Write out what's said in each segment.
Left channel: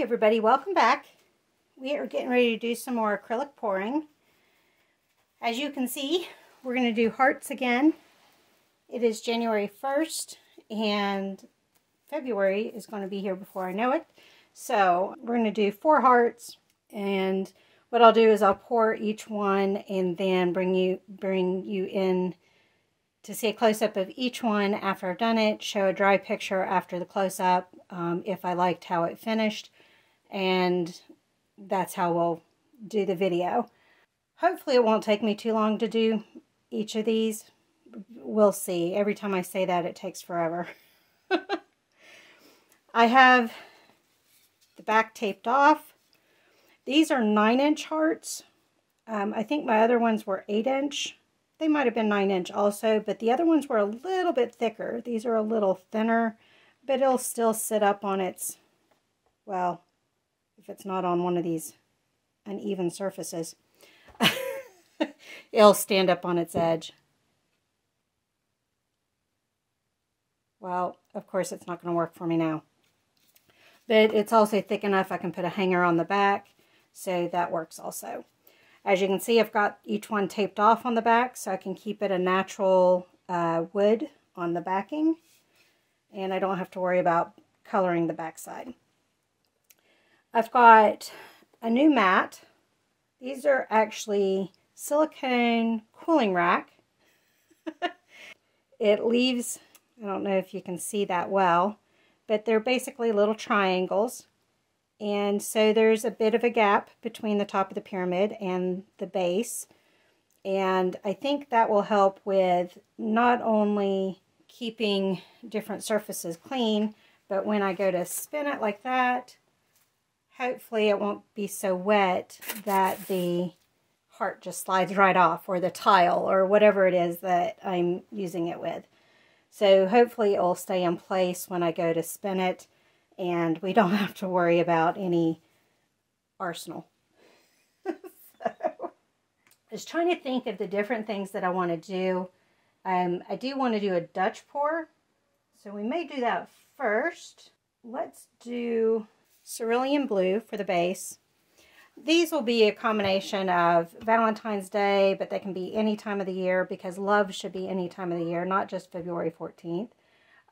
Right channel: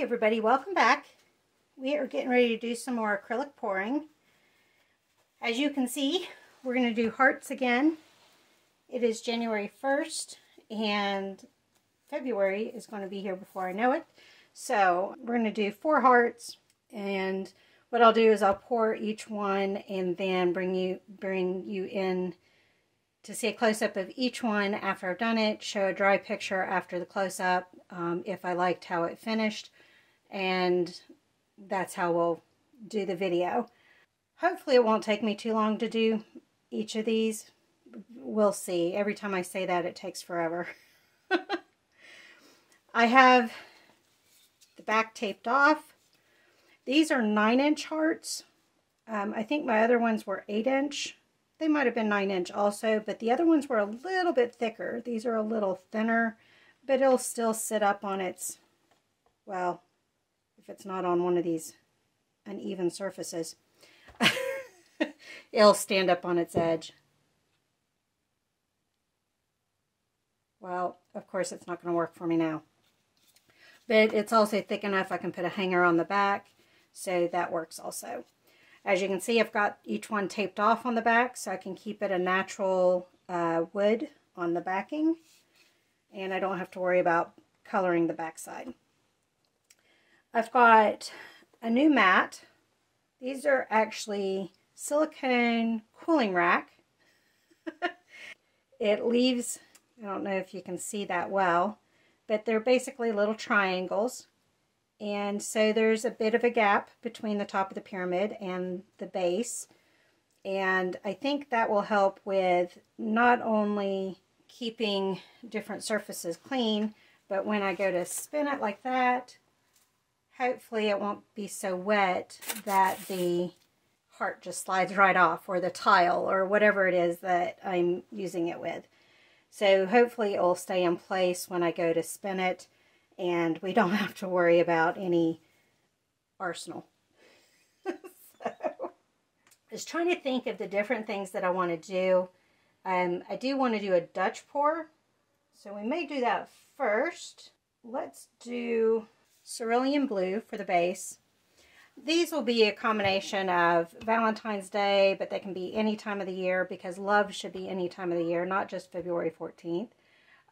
Hey everybody, welcome back. We are getting ready to do some more acrylic pouring. As you can see, we're going to do hearts again. It is January 1st and February is going to be here before I know it. So we're going to do 4 hearts, and what I'll do is I'll pour each one and then bring you in to see a close-up of each one after I've done it, show a dry picture after the close-up if I liked how it finished, and that's how we'll do the video. Hopefully it won't take me too long to do each of these. We'll see. Every time I say that, it takes forever. I have the back taped off. These are 9-inch hearts. I think my other ones were 8-inch. They might have been 9-inch also, but the other ones were a little bit thicker. These are a little thinner, but it'll still sit up on its, well, if it's not on one of these uneven surfaces, it'll stand up on its edge. Well, of course it's not going to work for me now. But it's also thick enough I can put a hanger on the back, so that works also. As you can see, I've got each one taped off on the back so I can keep it a natural wood on the backing, and I don't have to worry about coloring the backside. I've got a new mat. These are actually silicone cooling rack. It leaves, I don't know if you can see that well, but they're basically little triangles. And so there's a bit of a gap between the top of the pyramid and the base. And I think that will help with not only keeping different surfaces clean, but when I go to spin it like that, hopefully it won't be so wet that the heart just slides right off, or the tile, or whatever it is that I'm using it with. So hopefully it will stay in place when I go to spin it, and we don't have to worry about any arsenal. So, I was trying to think of the different things that I want to do. I do want to do a Dutch pour, so we may do that first. Let's do cerulean blue for the base. These will be a combination of Valentine's Day, but they can be any time of the year, because love should be any time of the year, not just February 14th.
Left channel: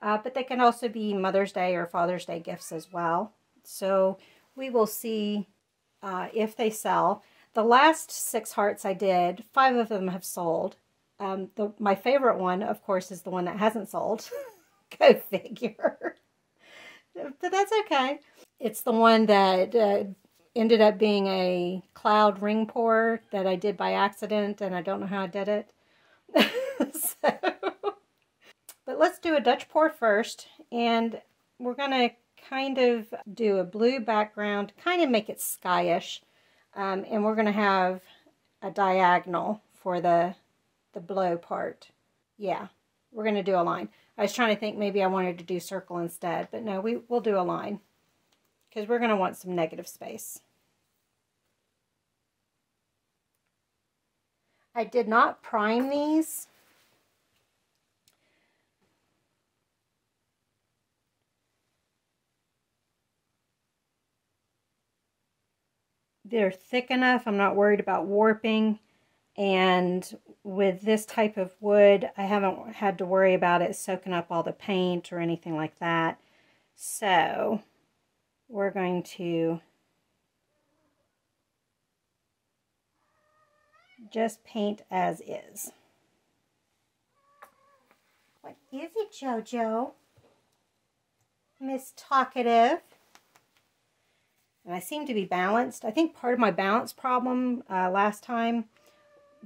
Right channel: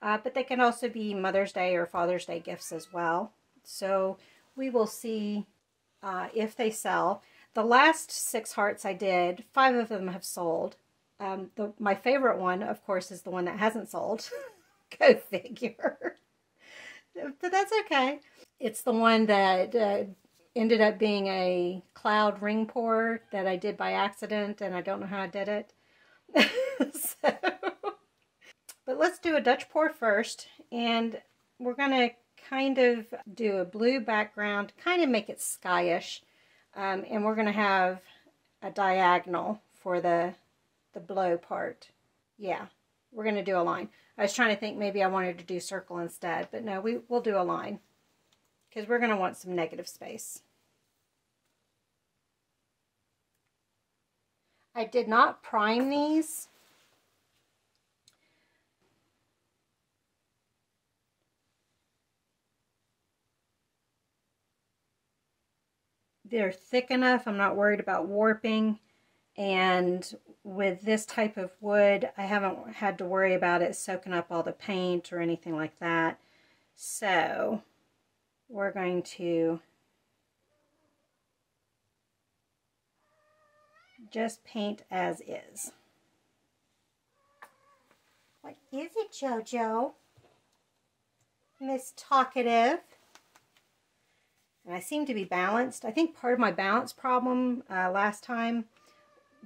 But they can also be Mother's Day or Father's Day gifts as well. So we will see if they sell. The last 6 hearts I did, 5 of them have sold. My favorite one, of course, is the one that hasn't sold. Go figure. But that's okay. It's the one that ended up being a cloud ring pour that I did by accident, and I don't know how I did it. So, but let's do a Dutch pour first, and we're going to kind of do a blue background, kind of make it skyish, and we're going to have a diagonal for the blow part. Yeah, we're going to do a line. I was trying to think maybe I wanted to do circle instead, but no, we'll do a line, because we're going to want some negative space. I did not prime these. They're thick enough, I'm not worried about warping, and with this type of wood, I haven't had to worry about it soaking up all the paint or anything like that. So we're going to just paint as is. What is it, JoJo? Miss Talkative. And I seem to be balanced. I think part of my balance problem last time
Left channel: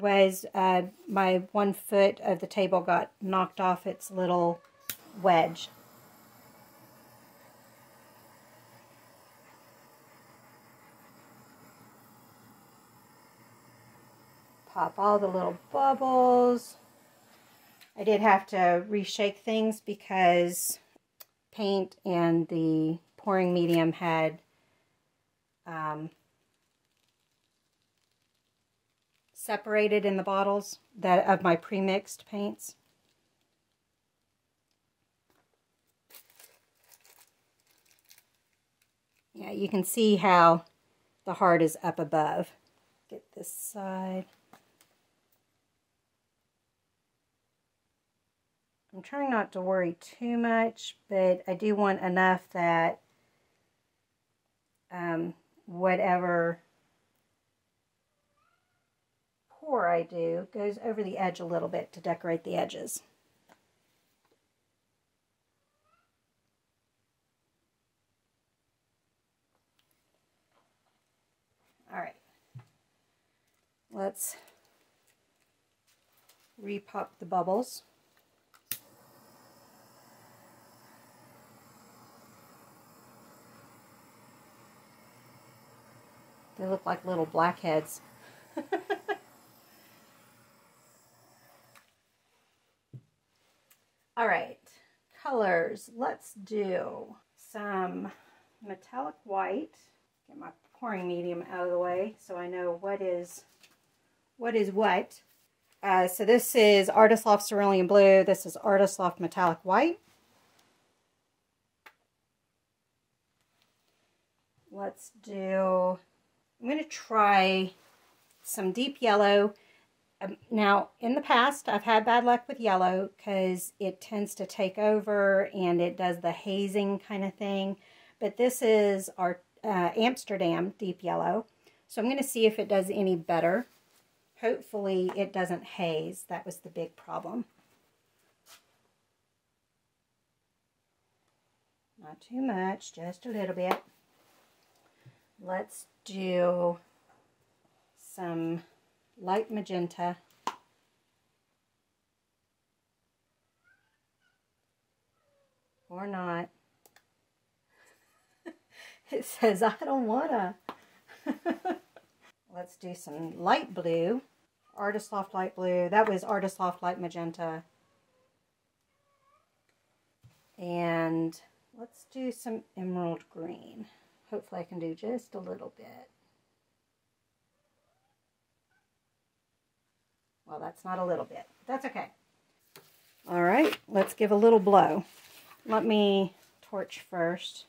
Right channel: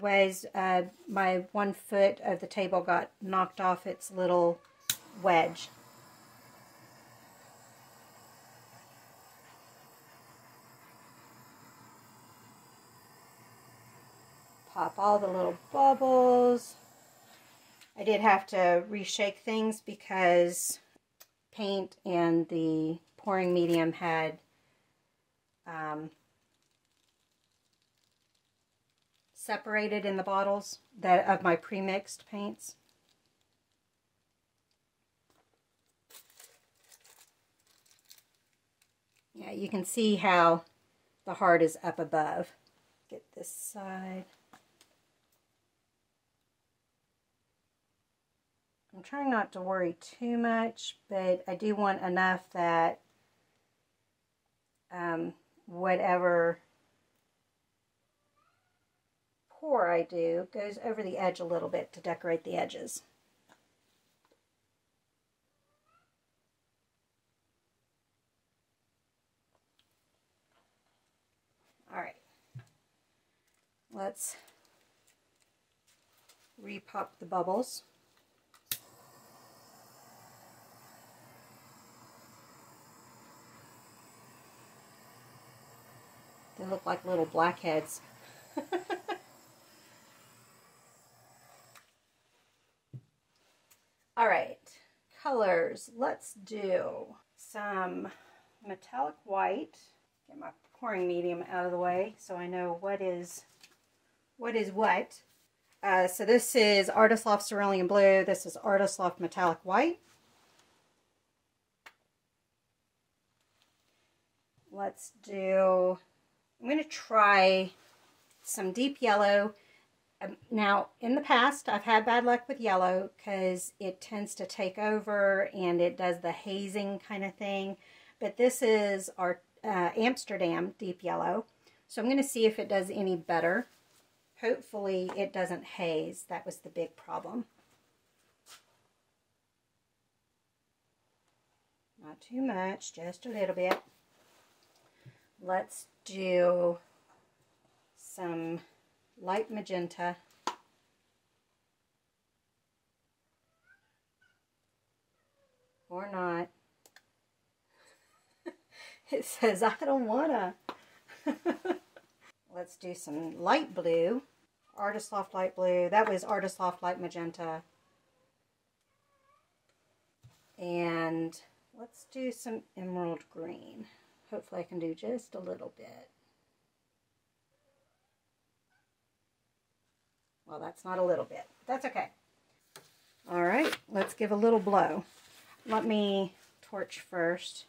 was my 1 foot of the table got knocked off its little wedge. Pop all the little bubbles. I did have to reshake things because paint and the pouring medium had separated in the bottles of my pre-mixed paints. Yeah, you can see how the heart is up above. Get this side. I'm trying not to worry too much, but I do want enough that whatever pour I do goes over the edge a little bit to decorate the edges. All right, let's repop the bubbles. They look like little blackheads. All right, colors. Let's do some metallic white. Get my pouring medium out of the way so I know what is what. So this is Artist Loft Cerulean Blue. This is Artist Loft Metallic White. Let's do, I'm going to try some deep yellow. Now, in the past, I've had bad luck with yellow because it tends to take over and it does the hazing kind of thing. But this is our Amsterdam deep yellow. So I'm going to see if it does any better. Hopefully it doesn't haze. That was the big problem. Not too much, just a little bit. Let's do some light magenta. Or not. It says I don't wanna. Let's do some light blue. Artist Loft Light Blue. That was Artist Loft Light Magenta. And let's do some emerald green. Hopefully I can do just a little bit. Well, that's not a little bit. That's okay. All right, let's give a little blow. Let me torch first.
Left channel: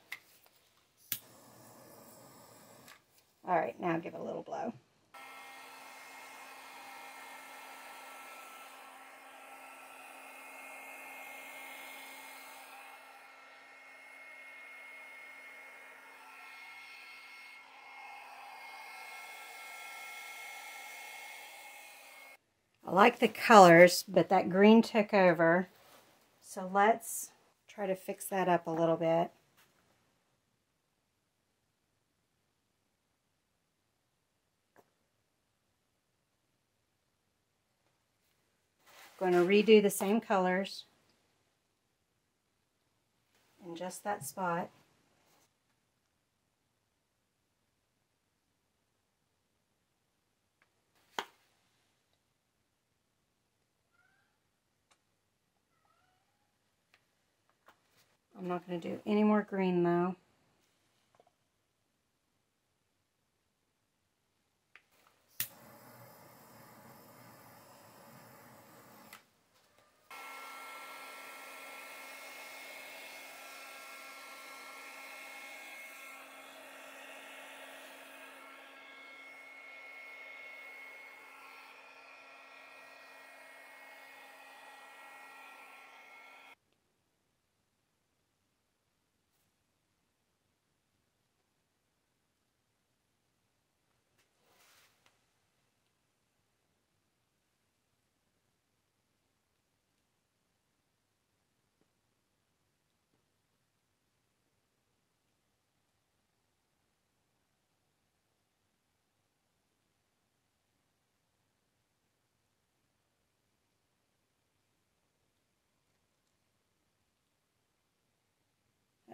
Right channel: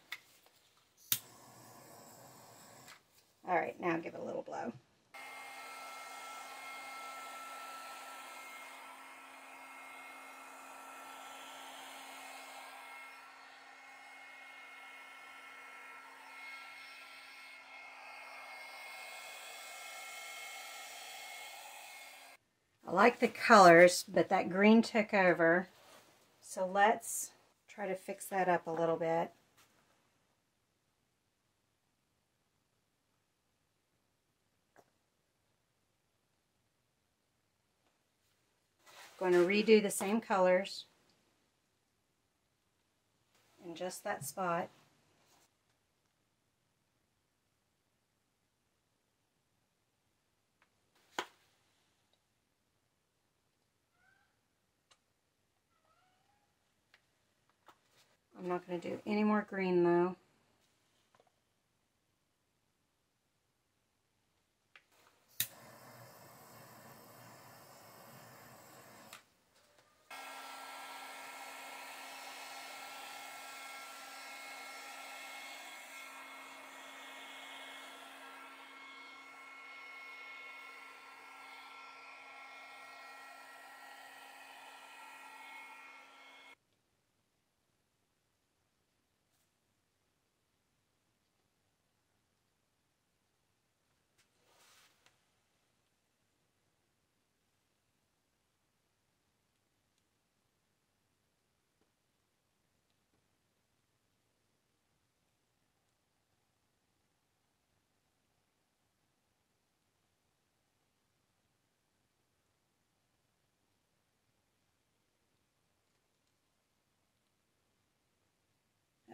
All right, now give it a little blow. I like the colors, but that green took over. So let's try to fix that up a little bit. Going to redo the same colors in just that spot. I'm not going to do any more green though.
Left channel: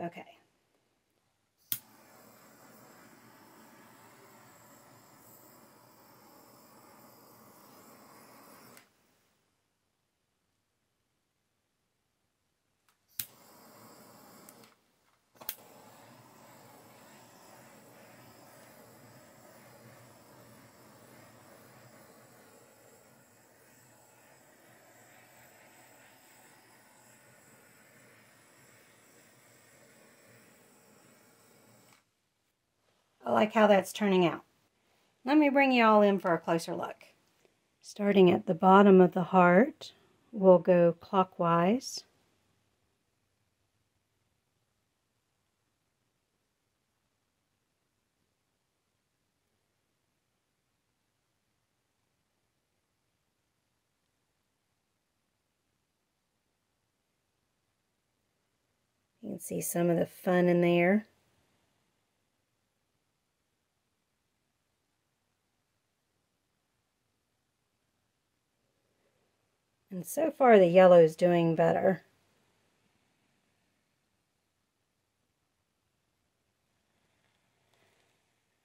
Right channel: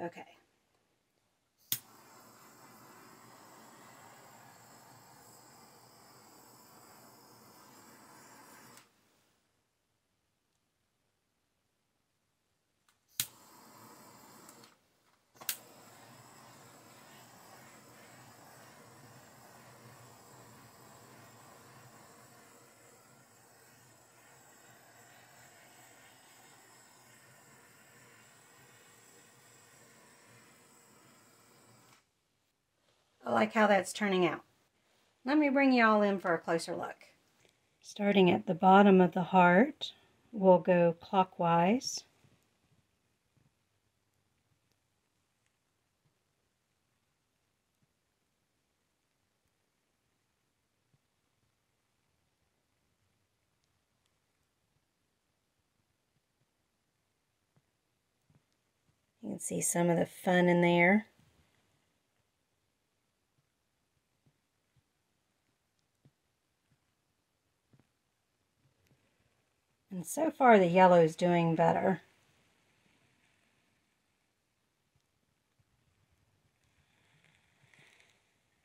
Okay. I like how that's turning out. Let me bring you all in for a closer look. Starting at the bottom of the heart, we'll go clockwise. You can see some of the fun in there. And so far the yellow is doing better.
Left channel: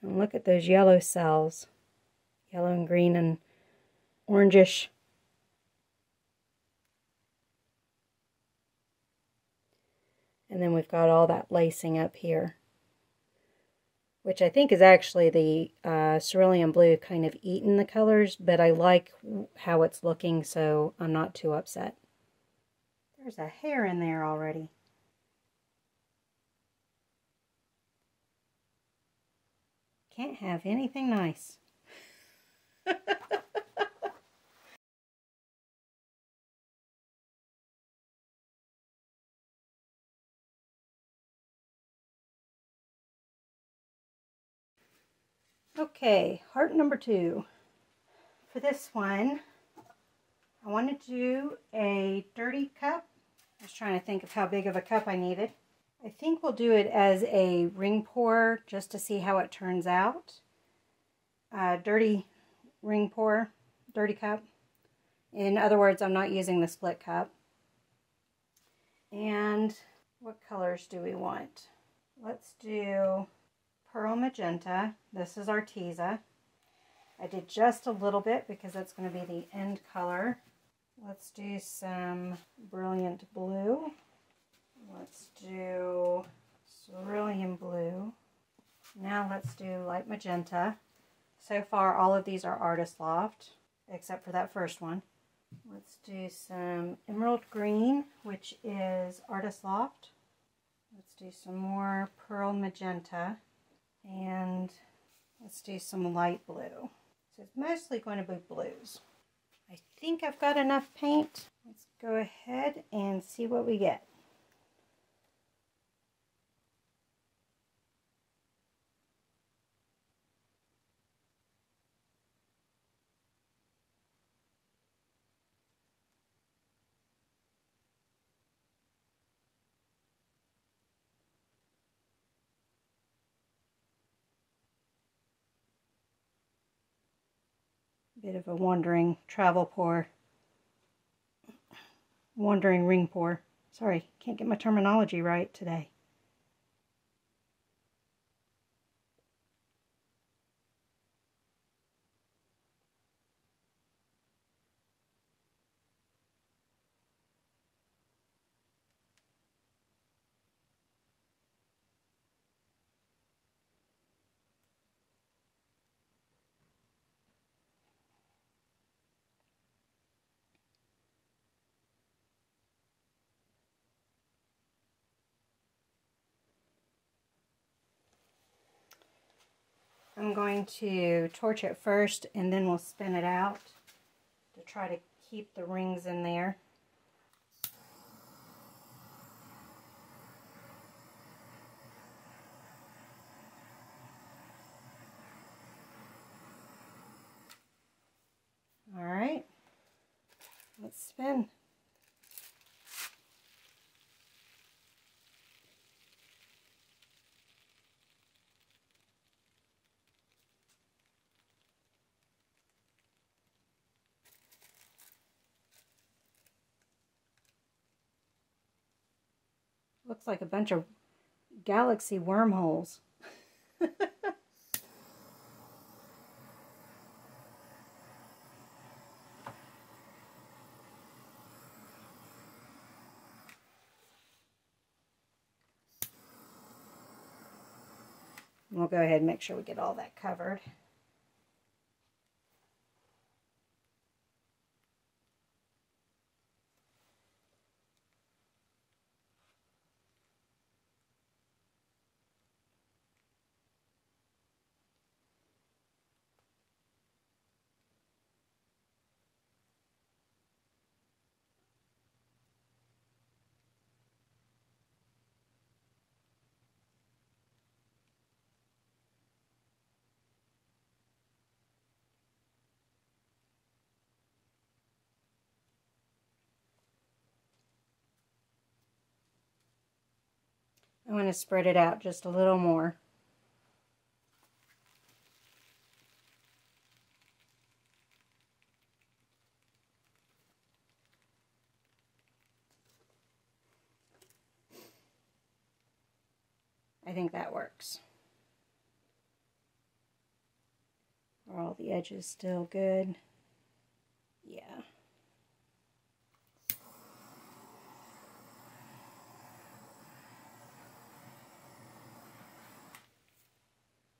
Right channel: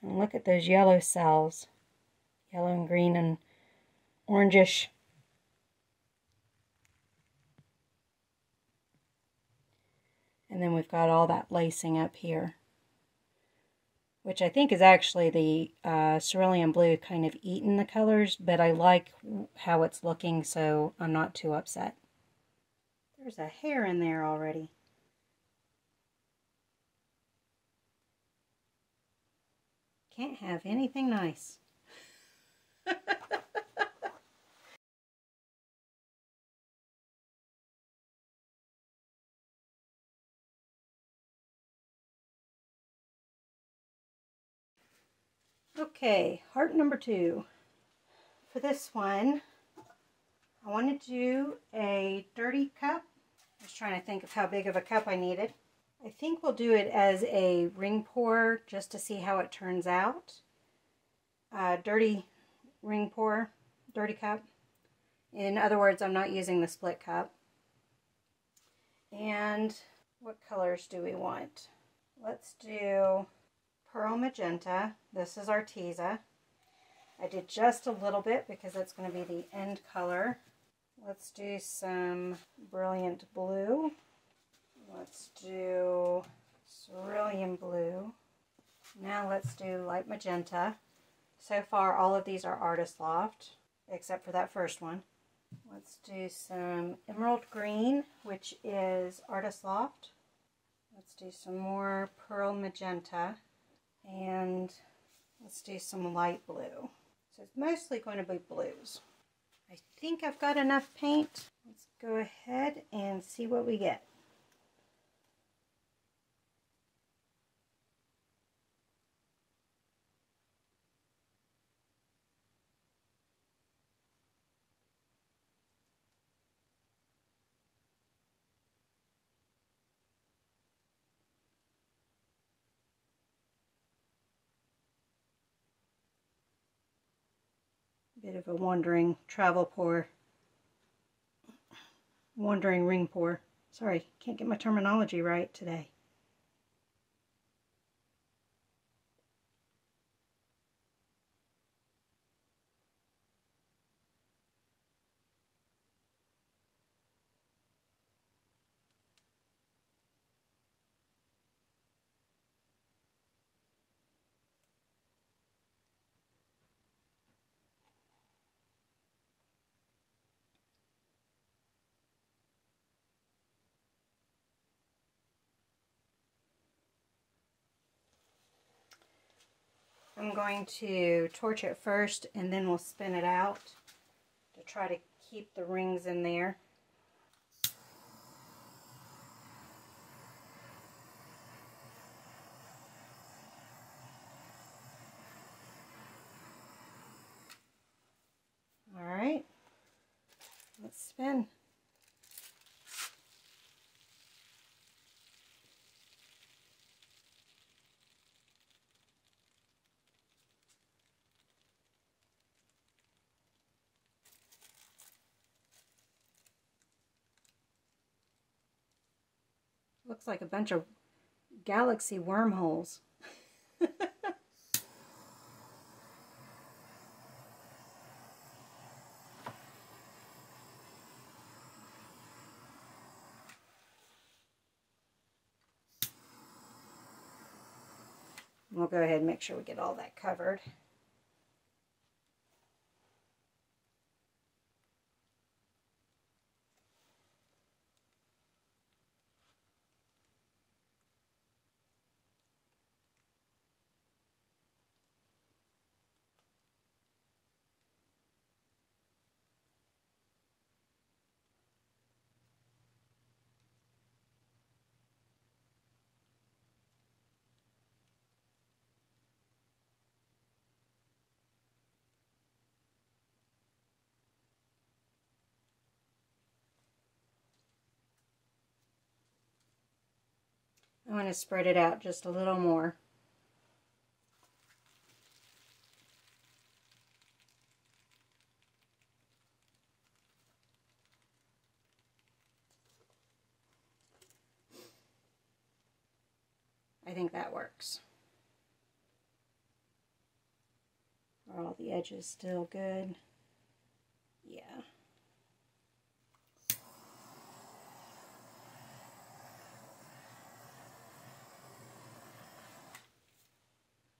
And look at those yellow cells. Yellow and green and orangish. And then we've got all that lacing up here, which I think is actually the cerulean blue kind of eaten the colors, but I like how it's looking, so I'm not too upset. There's a hair in there already. Can't have anything nice. Okay, heart number 2. For this one, I want to do a dirty cup. I was trying to think of how big of a cup I needed. I think we'll do it as a ring pour just to see how it turns out. Dirty ring pour, dirty cup. In other words, I'm not using the split cup. And what colors do we want? Let's do pearl magenta. This is Arteza. I did just a little bit because that's going to be the end color. Let's do some brilliant blue. Let's do cerulean blue. Now let's do light magenta. So far all of these are Artist Loft, except for that first one. Let's do some emerald green, which is Artist Loft. Let's do some more pearl magenta. And let's do some light blue. So it's mostly going to be blues. I think I've got enough paint. Let's go ahead and see what we get. Bit of a wandering travel pour. Wandering ring pour. Sorry, can't get my terminology right today. I'm going to torch it first and then we'll spin it out to try to keep the rings in there. Alright, let's spin. Looks like a bunch of galaxy wormholes. We'll go ahead and make sure we get all that covered. want to spread it out just a little more. I think that works. Are all the edges still good? Yeah.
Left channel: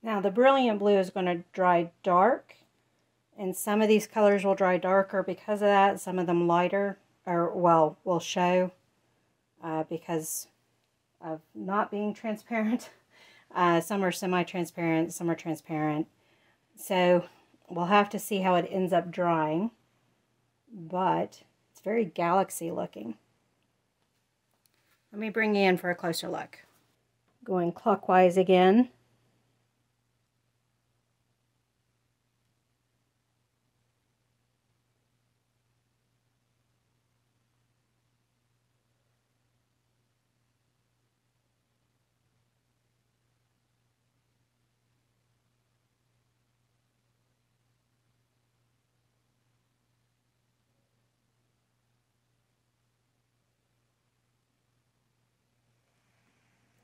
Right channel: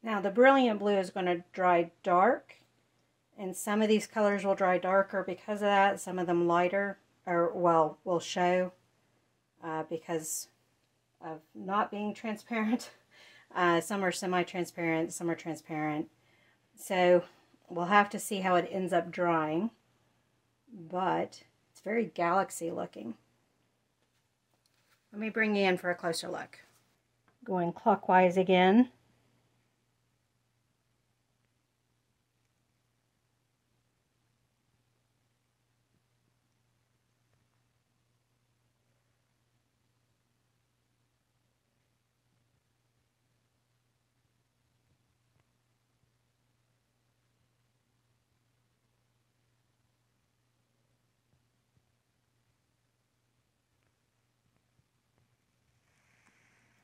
Now the Brilliant Blue is going to dry dark, and some of these colors will dry darker because of that. Some of them lighter, or well, will show because of not being transparent. Some are semi-transparent, some are transparent. So we'll have to see how it ends up drying, but it's very galaxy looking. Let me bring you in for a closer look. Going clockwise again.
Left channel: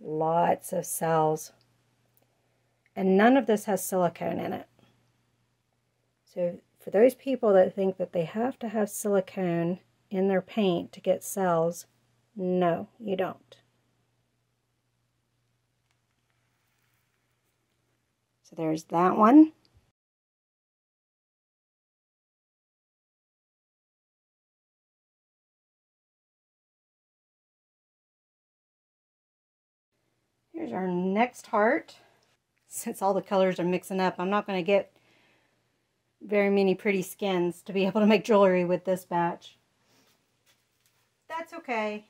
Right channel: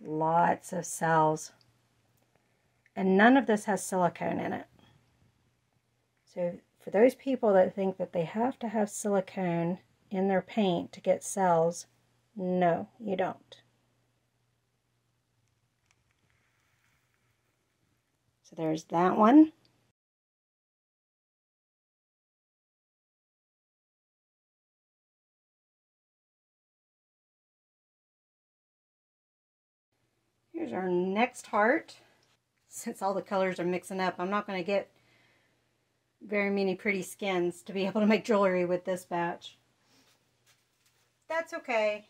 Lots of cells. And none of this has silicone in it. So for those people that think that they have to have silicone in their paint to get cells, no, you don't. So there's that one. Here's our next heart. Since all the colors are mixing up, I'm not going to get very many pretty skins to be able to make jewelry with this batch. That's okay.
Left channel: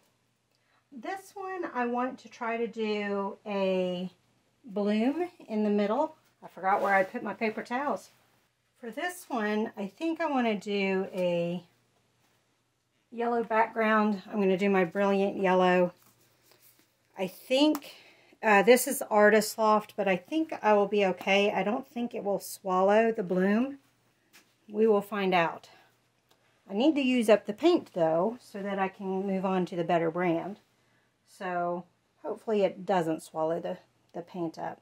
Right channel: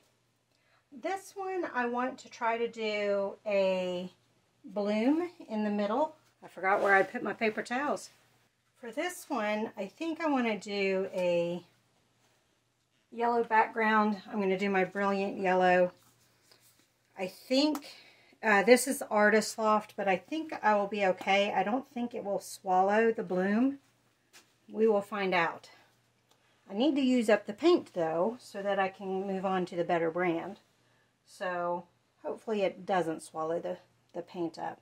This one I want to try to do a bloom in the middle. I forgot where I put my paper towels. For this one, I think I want to do a yellow background. I'm going to do my Brilliant Yellow. I think this is Artist Loft, but I think I will be okay. I don't think it will swallow the bloom. We will find out. I need to use up the paint, though, so that I can move on to the better brand. So hopefully it doesn't swallow the paint up.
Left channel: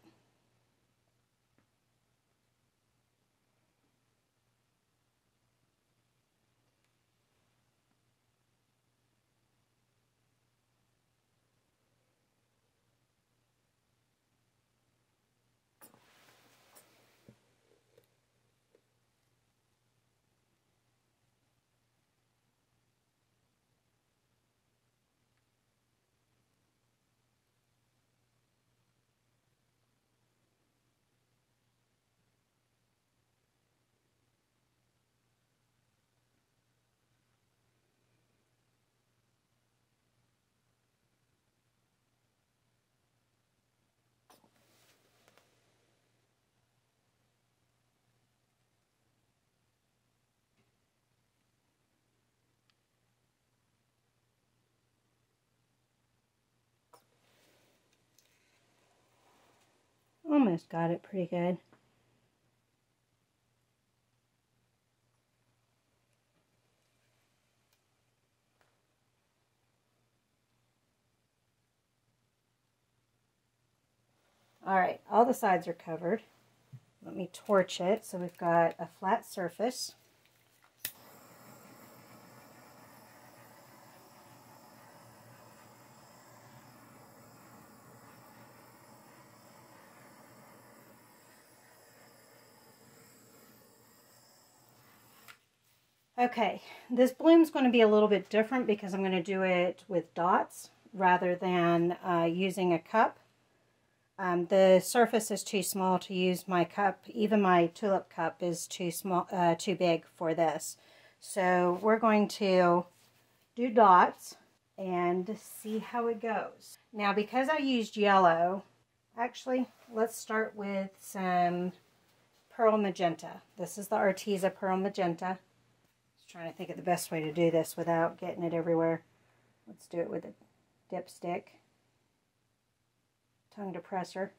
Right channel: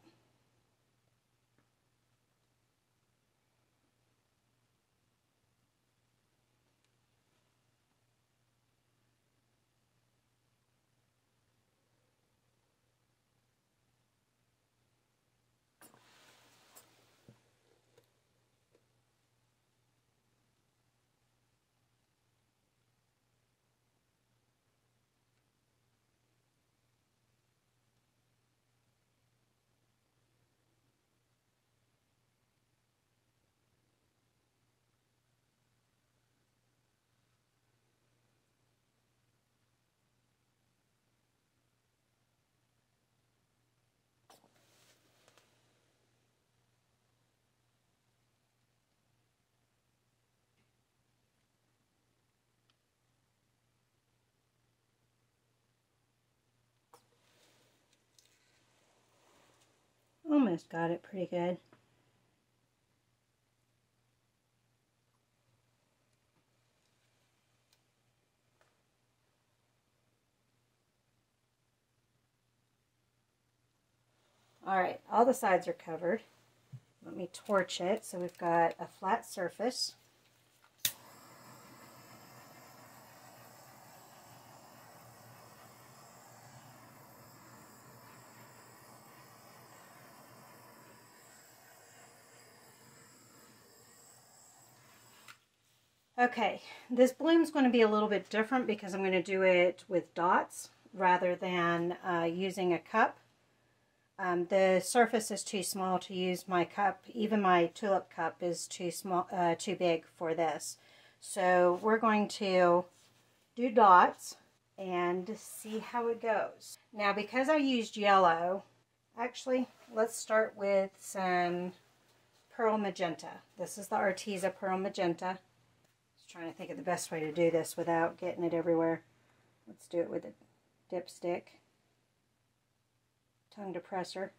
Almost got it pretty good. Alright, all the sides are covered. Let me torch it so we've got a flat surface. Okay, this bloom's going to be a little bit different because I'm going to do it with dots rather than using a cup. The surface is too small to use my cup. Even my tulip cup is too big for this. So we're going to do dots and see how it goes. Now, because I used yellow, actually, let's start with some Pearl Magenta. This is the Arteza Pearl Magenta. Just trying to think of the best way to do this without getting it everywhere. Let's do it with a dipstick. tongue depressor.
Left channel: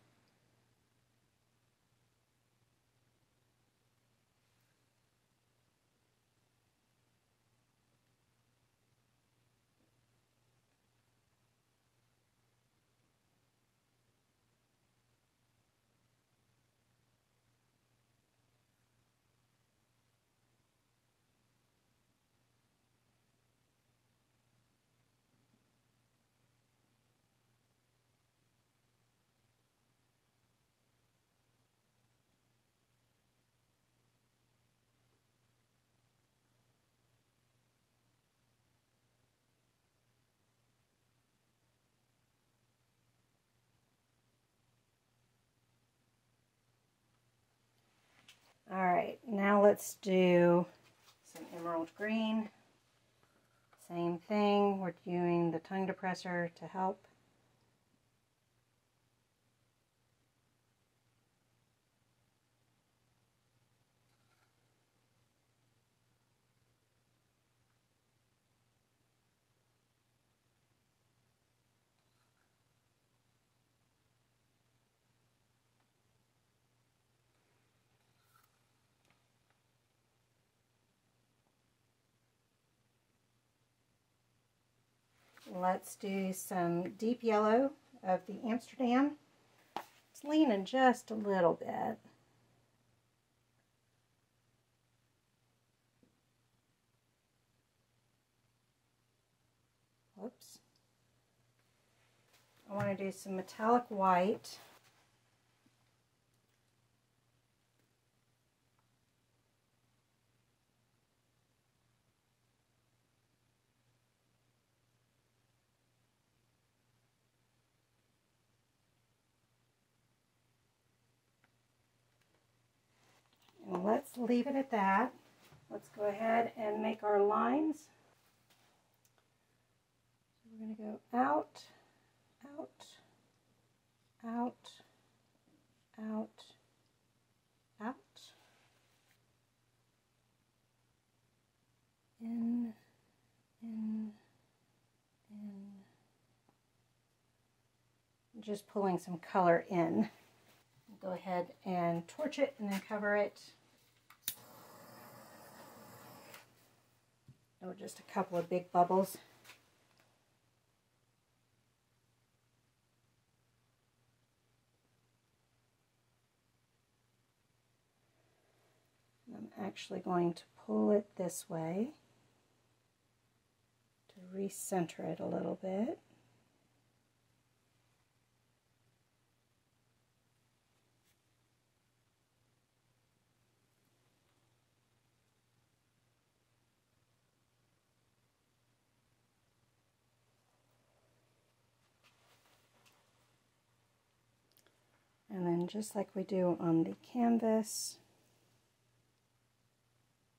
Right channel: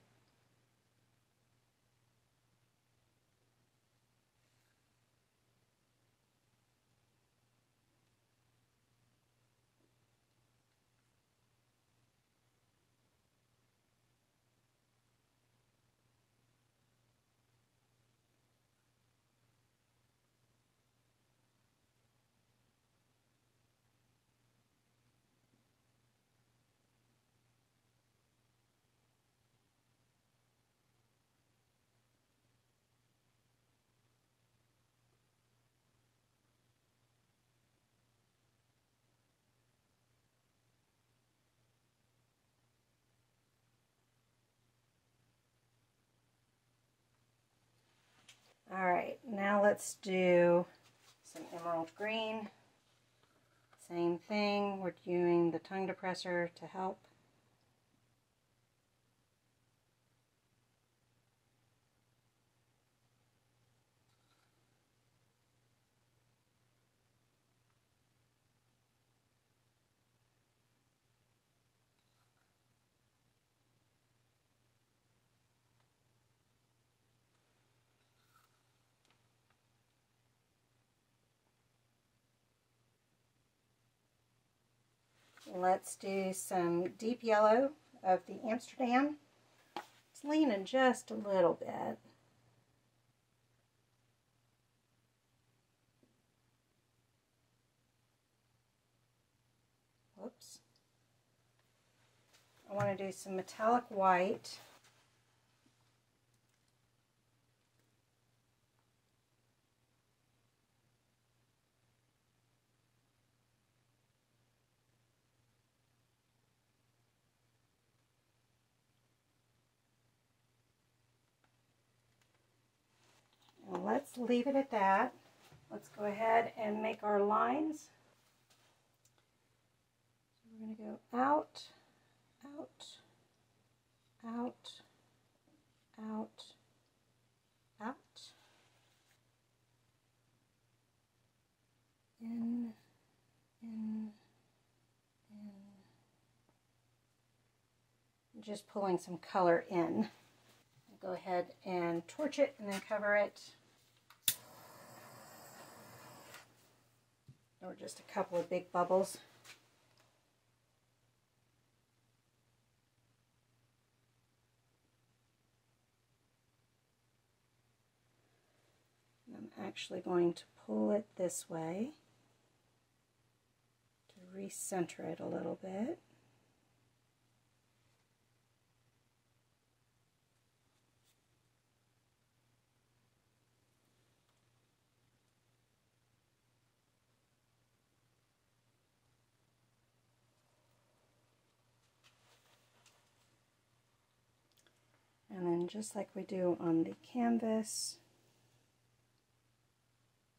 All right, now let's do some emerald green. Same thing, we're doing the tongue depressor to help. Let's do some deep yellow of the Amsterdam. It's leaning just a little bit. Whoops. I want to do some metallic white. And let's leave it at that. Let's go ahead and make our lines. So we're going to go out, out, out, out, out, in, in. Just pulling some color in. I'll go ahead and torch it and then cover it. Or just a couple of big bubbles. I'm actually going to pull it this way to recenter it a little bit. And then just like we do on the canvas,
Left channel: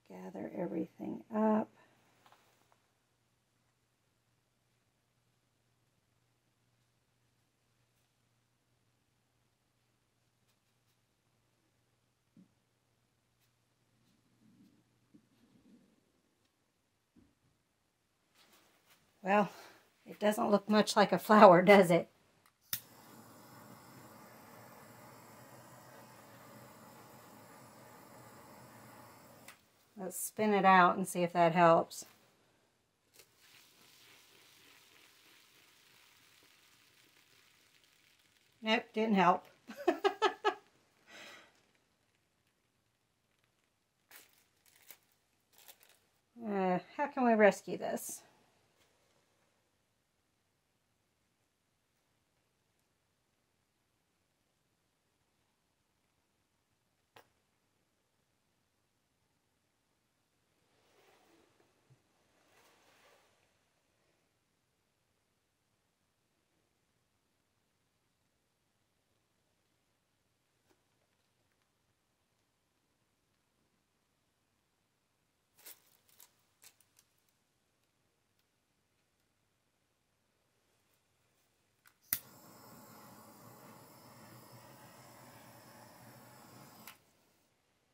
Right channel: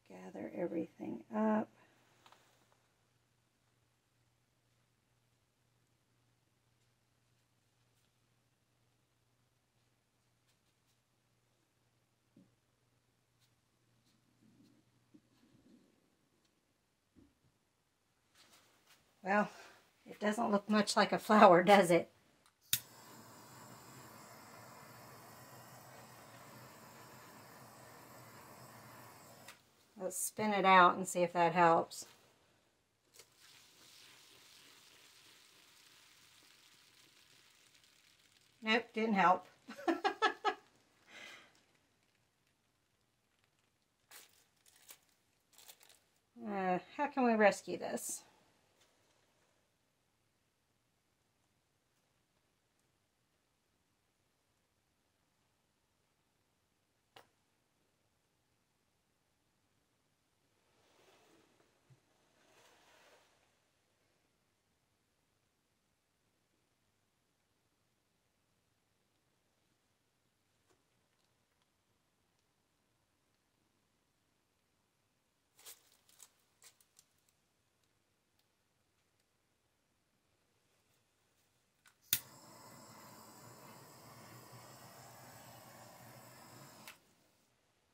gather everything up. Well, it doesn't look much like a flower, does it? Let's spin it out and see if that helps. Nope, didn't help. How can we rescue this?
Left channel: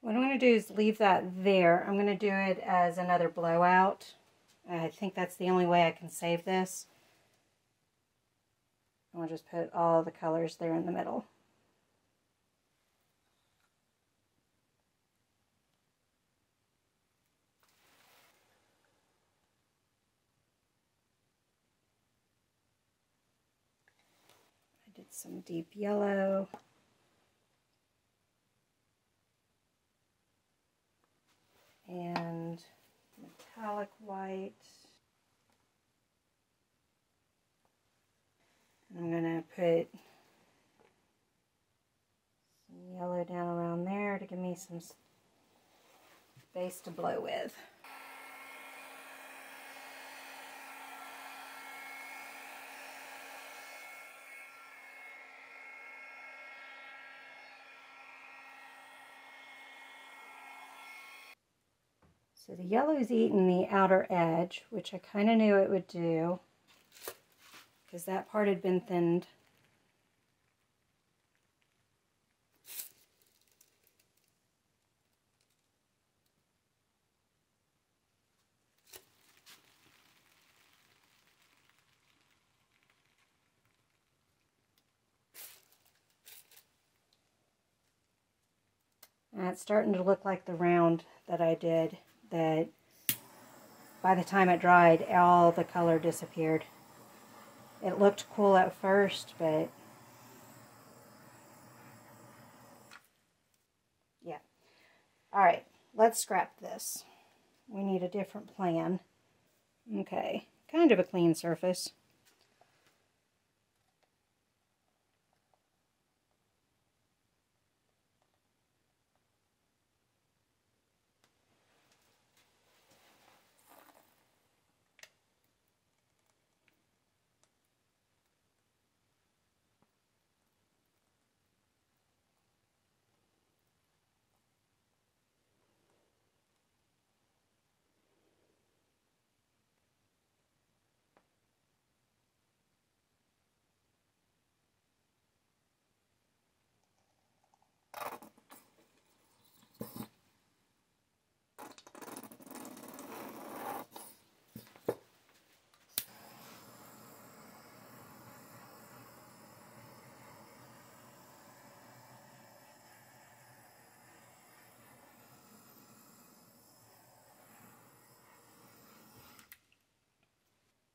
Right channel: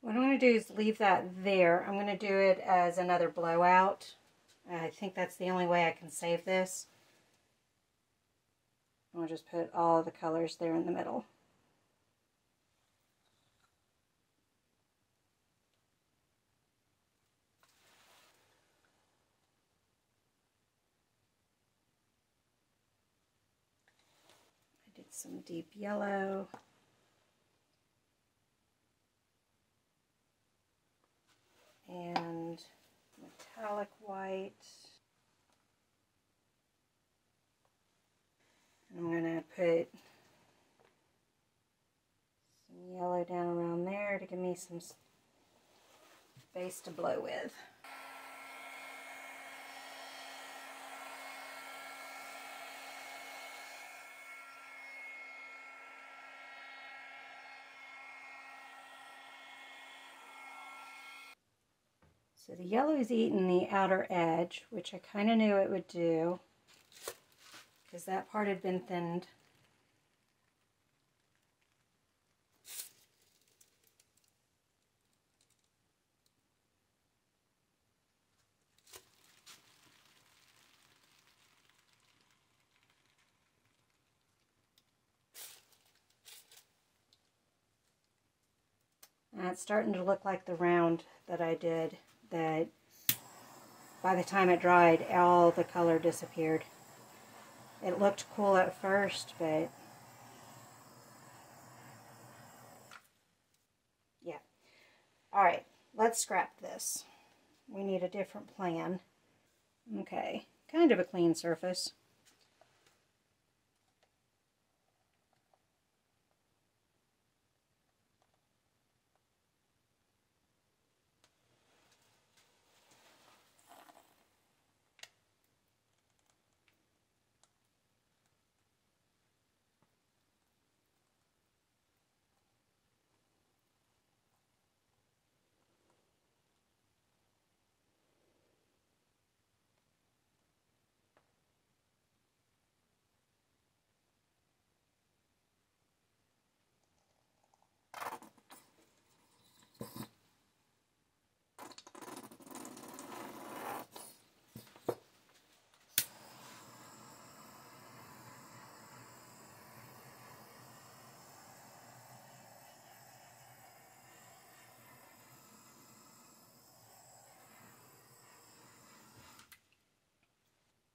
What I'm going to do is leave that there. I'm going to do it as another blowout. I think that's the only way I can save this. I'll just put all the colors there in the middle. I did some deep yellow. And metallic white. I'm going to put some yellow down around there to give me some space to blow with. So the yellow's eating the outer edge, which I kind of knew it would do, because that part had been thinned. And it's starting to look like the round that I did, that by the time it dried, all the color disappeared. It looked cool at first, but yeah. Alright, let's scrap this. We need a different plan. Okay, kind of a clean surface.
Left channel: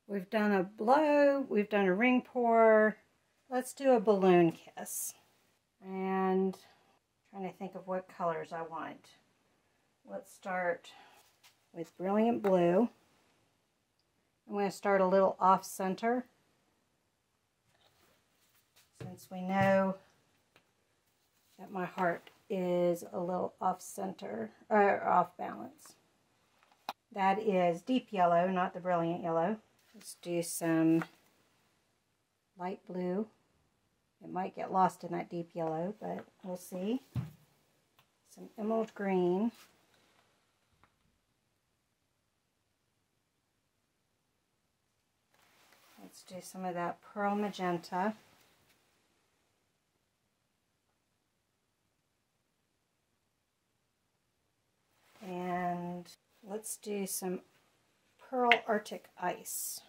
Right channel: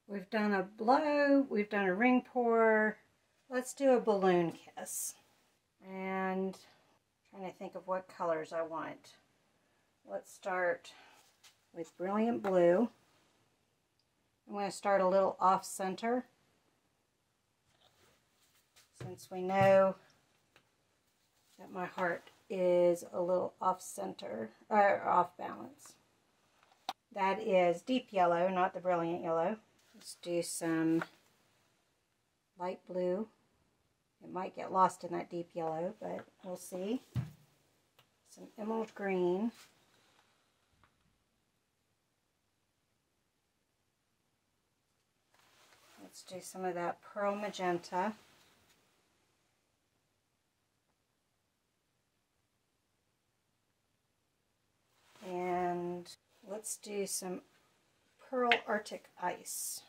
We've done a blow, we've done a ring pour. Let's do a balloon kiss. And I'm trying to think of what colors I want. Let's start with Brilliant Blue. I'm going to start a little off center, since we know that my heart is a little off center, or off balance. That is deep yellow, not the brilliant yellow. Let's do some light blue. It might get lost in that deep yellow, but we'll see. Some emerald green. Let's do some of that pearl magenta. And let's do some Pearl Arctic Ice.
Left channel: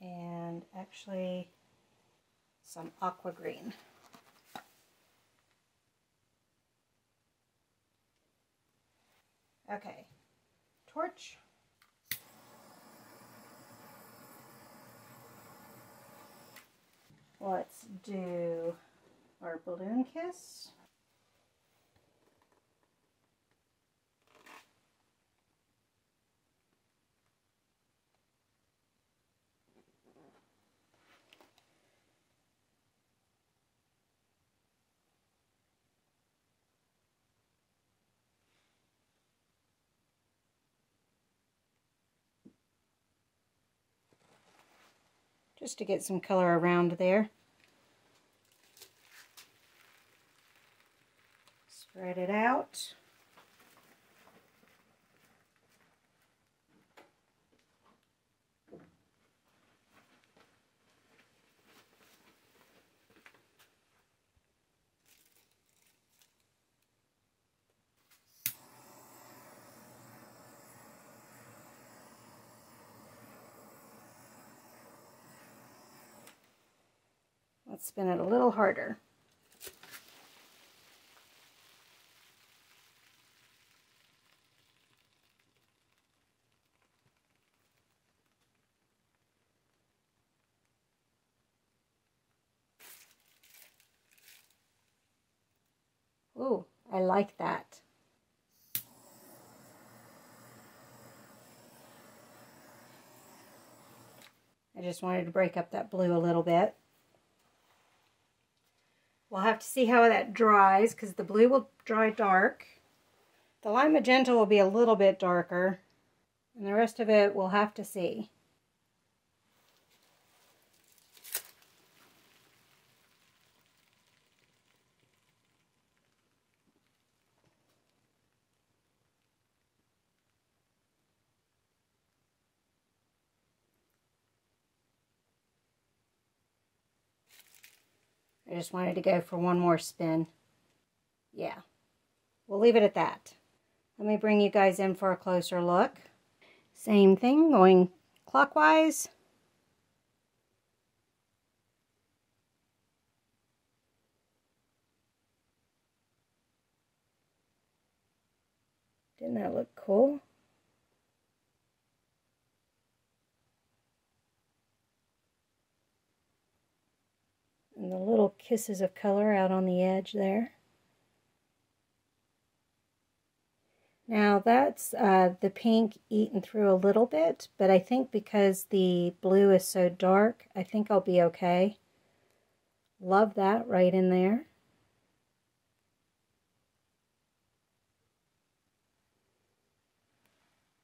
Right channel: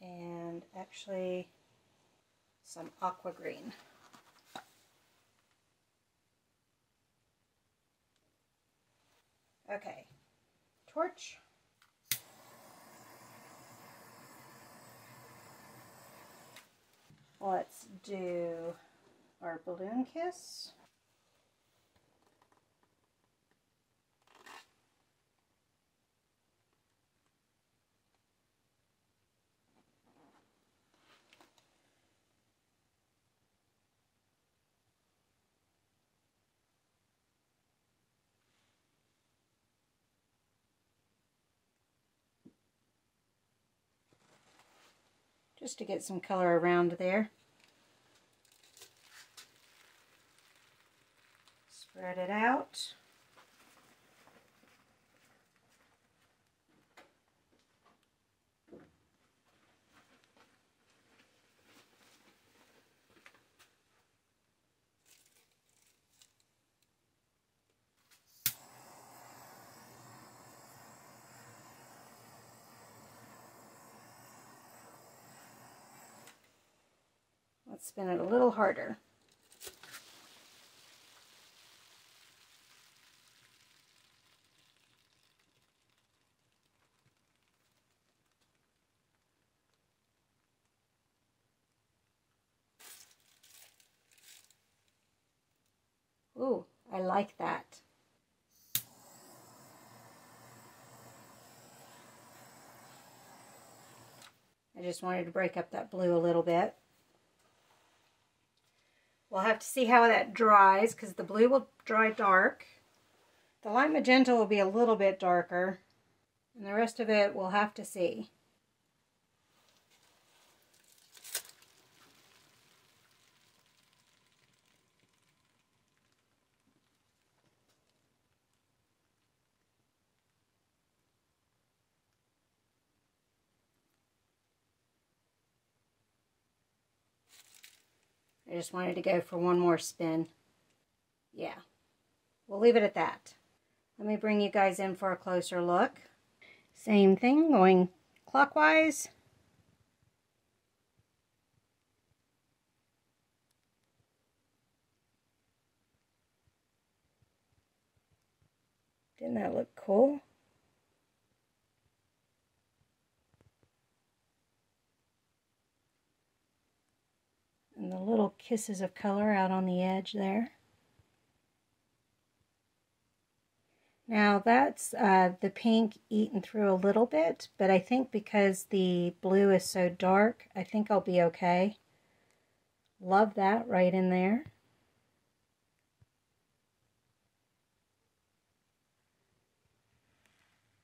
And actually some aqua green. Okay, torch. Let's do our balloon kiss. Just to get some color around there. Spread it out. Let's spin it a little harder. Ooh, I like that. I just wanted to break up that blue a little bit. We'll have to see how that dries because the blue will dry dark. The lime magenta will be a little bit darker, and the rest of it we'll have to see. I just wanted to go for one more spin. Yeah, we'll leave it at that. Let me bring you guys in for a closer look. Same thing, going clockwise. Didn't that look cool? And the little kisses of color out on the edge there. Now that's the pink eaten through a little bit, but I think because the blue is so dark, I think I'll be okay. Love that right in there.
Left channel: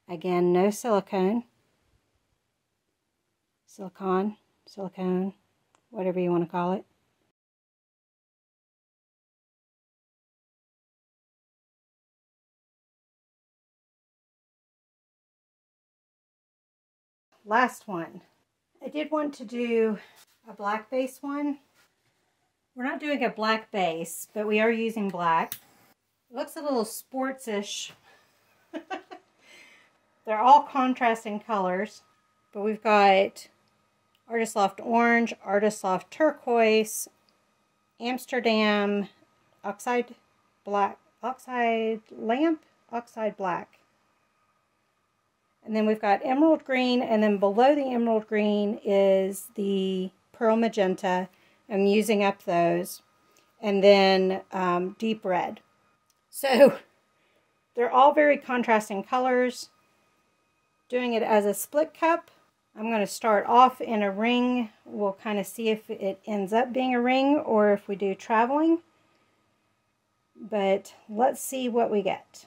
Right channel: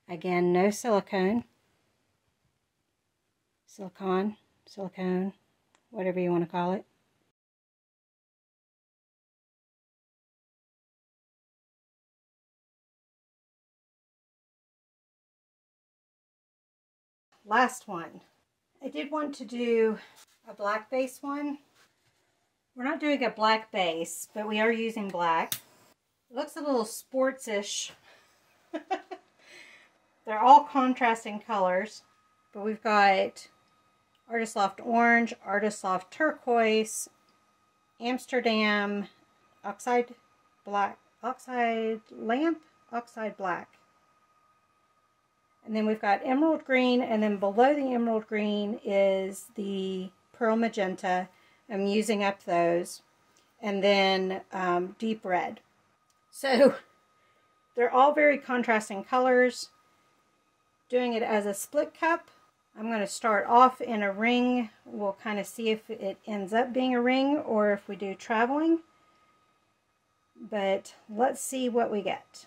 Again, no silicone. Silicone, whatever you want to call it. Last one. I did want to do a black base one. We're not doing a black base, but we are using black. It looks a little sports-ish. They're all contrasting colors, but we've got Artist Loft Orange, Artist Loft Turquoise, Amsterdam, Oxide Black, Oxide Lamp, Oxide Black. And then we've got Emerald Green, and then below the Emerald Green is the Pearl Magenta. I'm using up those. And then Deep Red. So they're all very contrasting colors. Doing it as a split cup. I'm going to start off in a ring. We'll kind of see if it ends up being a ring or if we do traveling. But let's see what we get.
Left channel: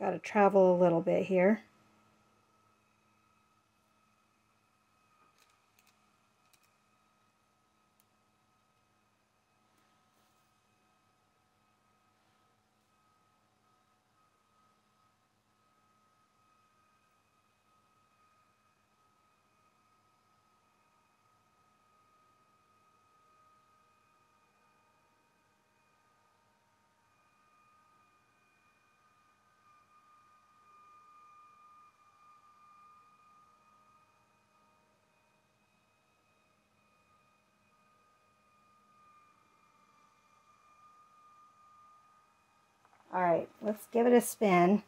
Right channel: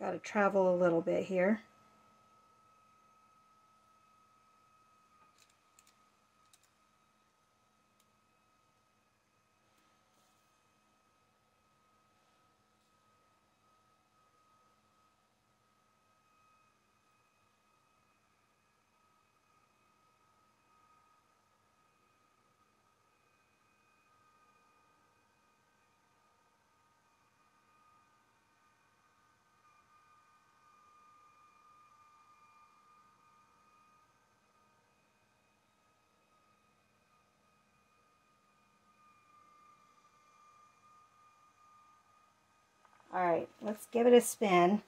Got to travel a little bit here. All right, let's give it a spin.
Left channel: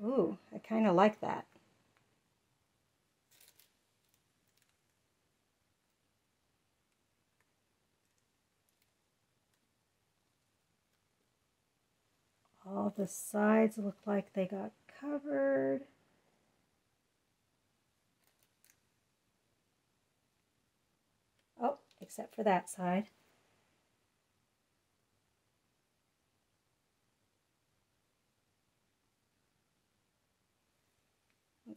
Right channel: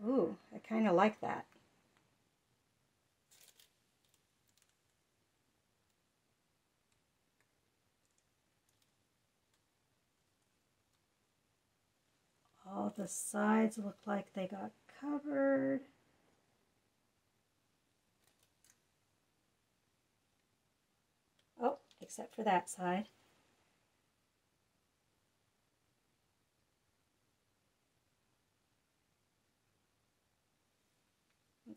Ooh, I kind of like that. All the sides look like they got covered. Oh, except for that side.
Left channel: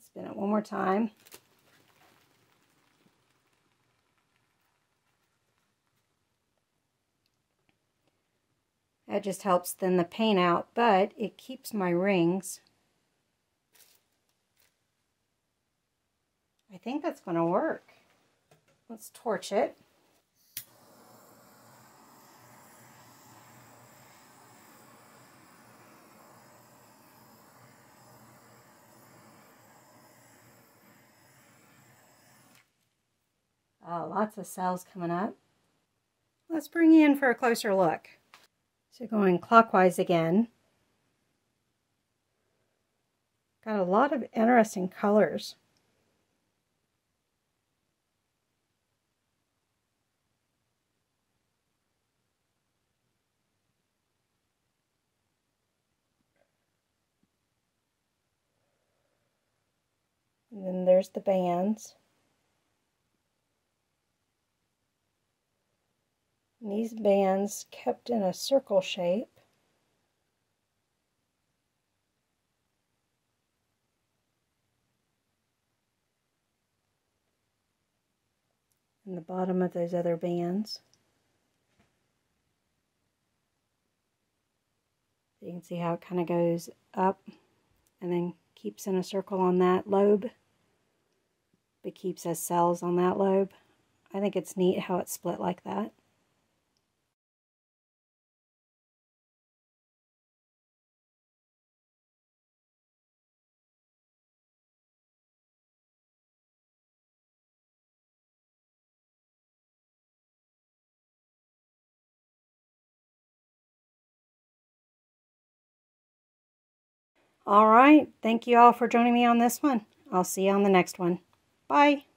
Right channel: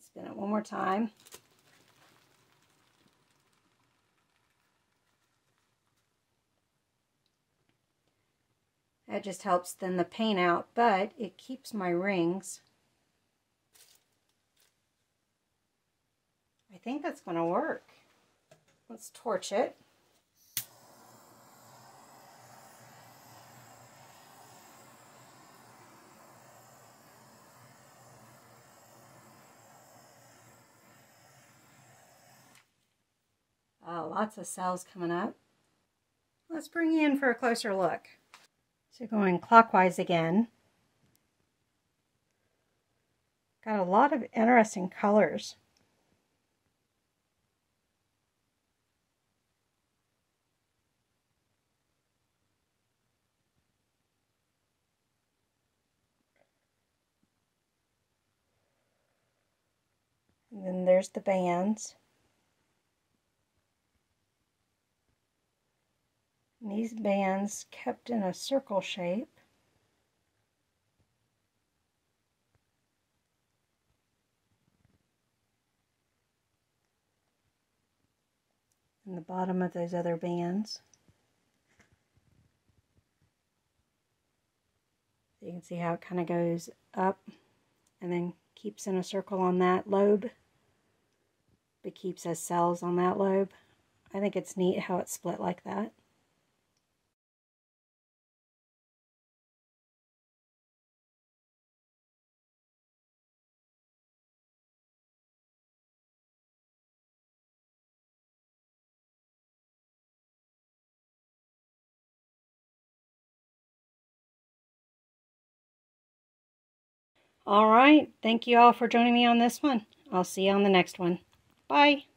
Let's spin it one more time. That just helps thin the paint out, but it keeps my rings. I think that's going to work. Let's torch it. Lots of cells coming up. Let's bring you in for a closer look. So going clockwise again. Got a lot of interesting colors. And then there's the bands. And these bands kept in a circle shape. And the bottom of those other bands. So you can see how it kind of goes up and then keeps in a circle on that lobe, but keeps as cells on that lobe. I think it's neat how it's split like that. All right, thank you all for joining me on this one. I'll see you on the next one. Bye.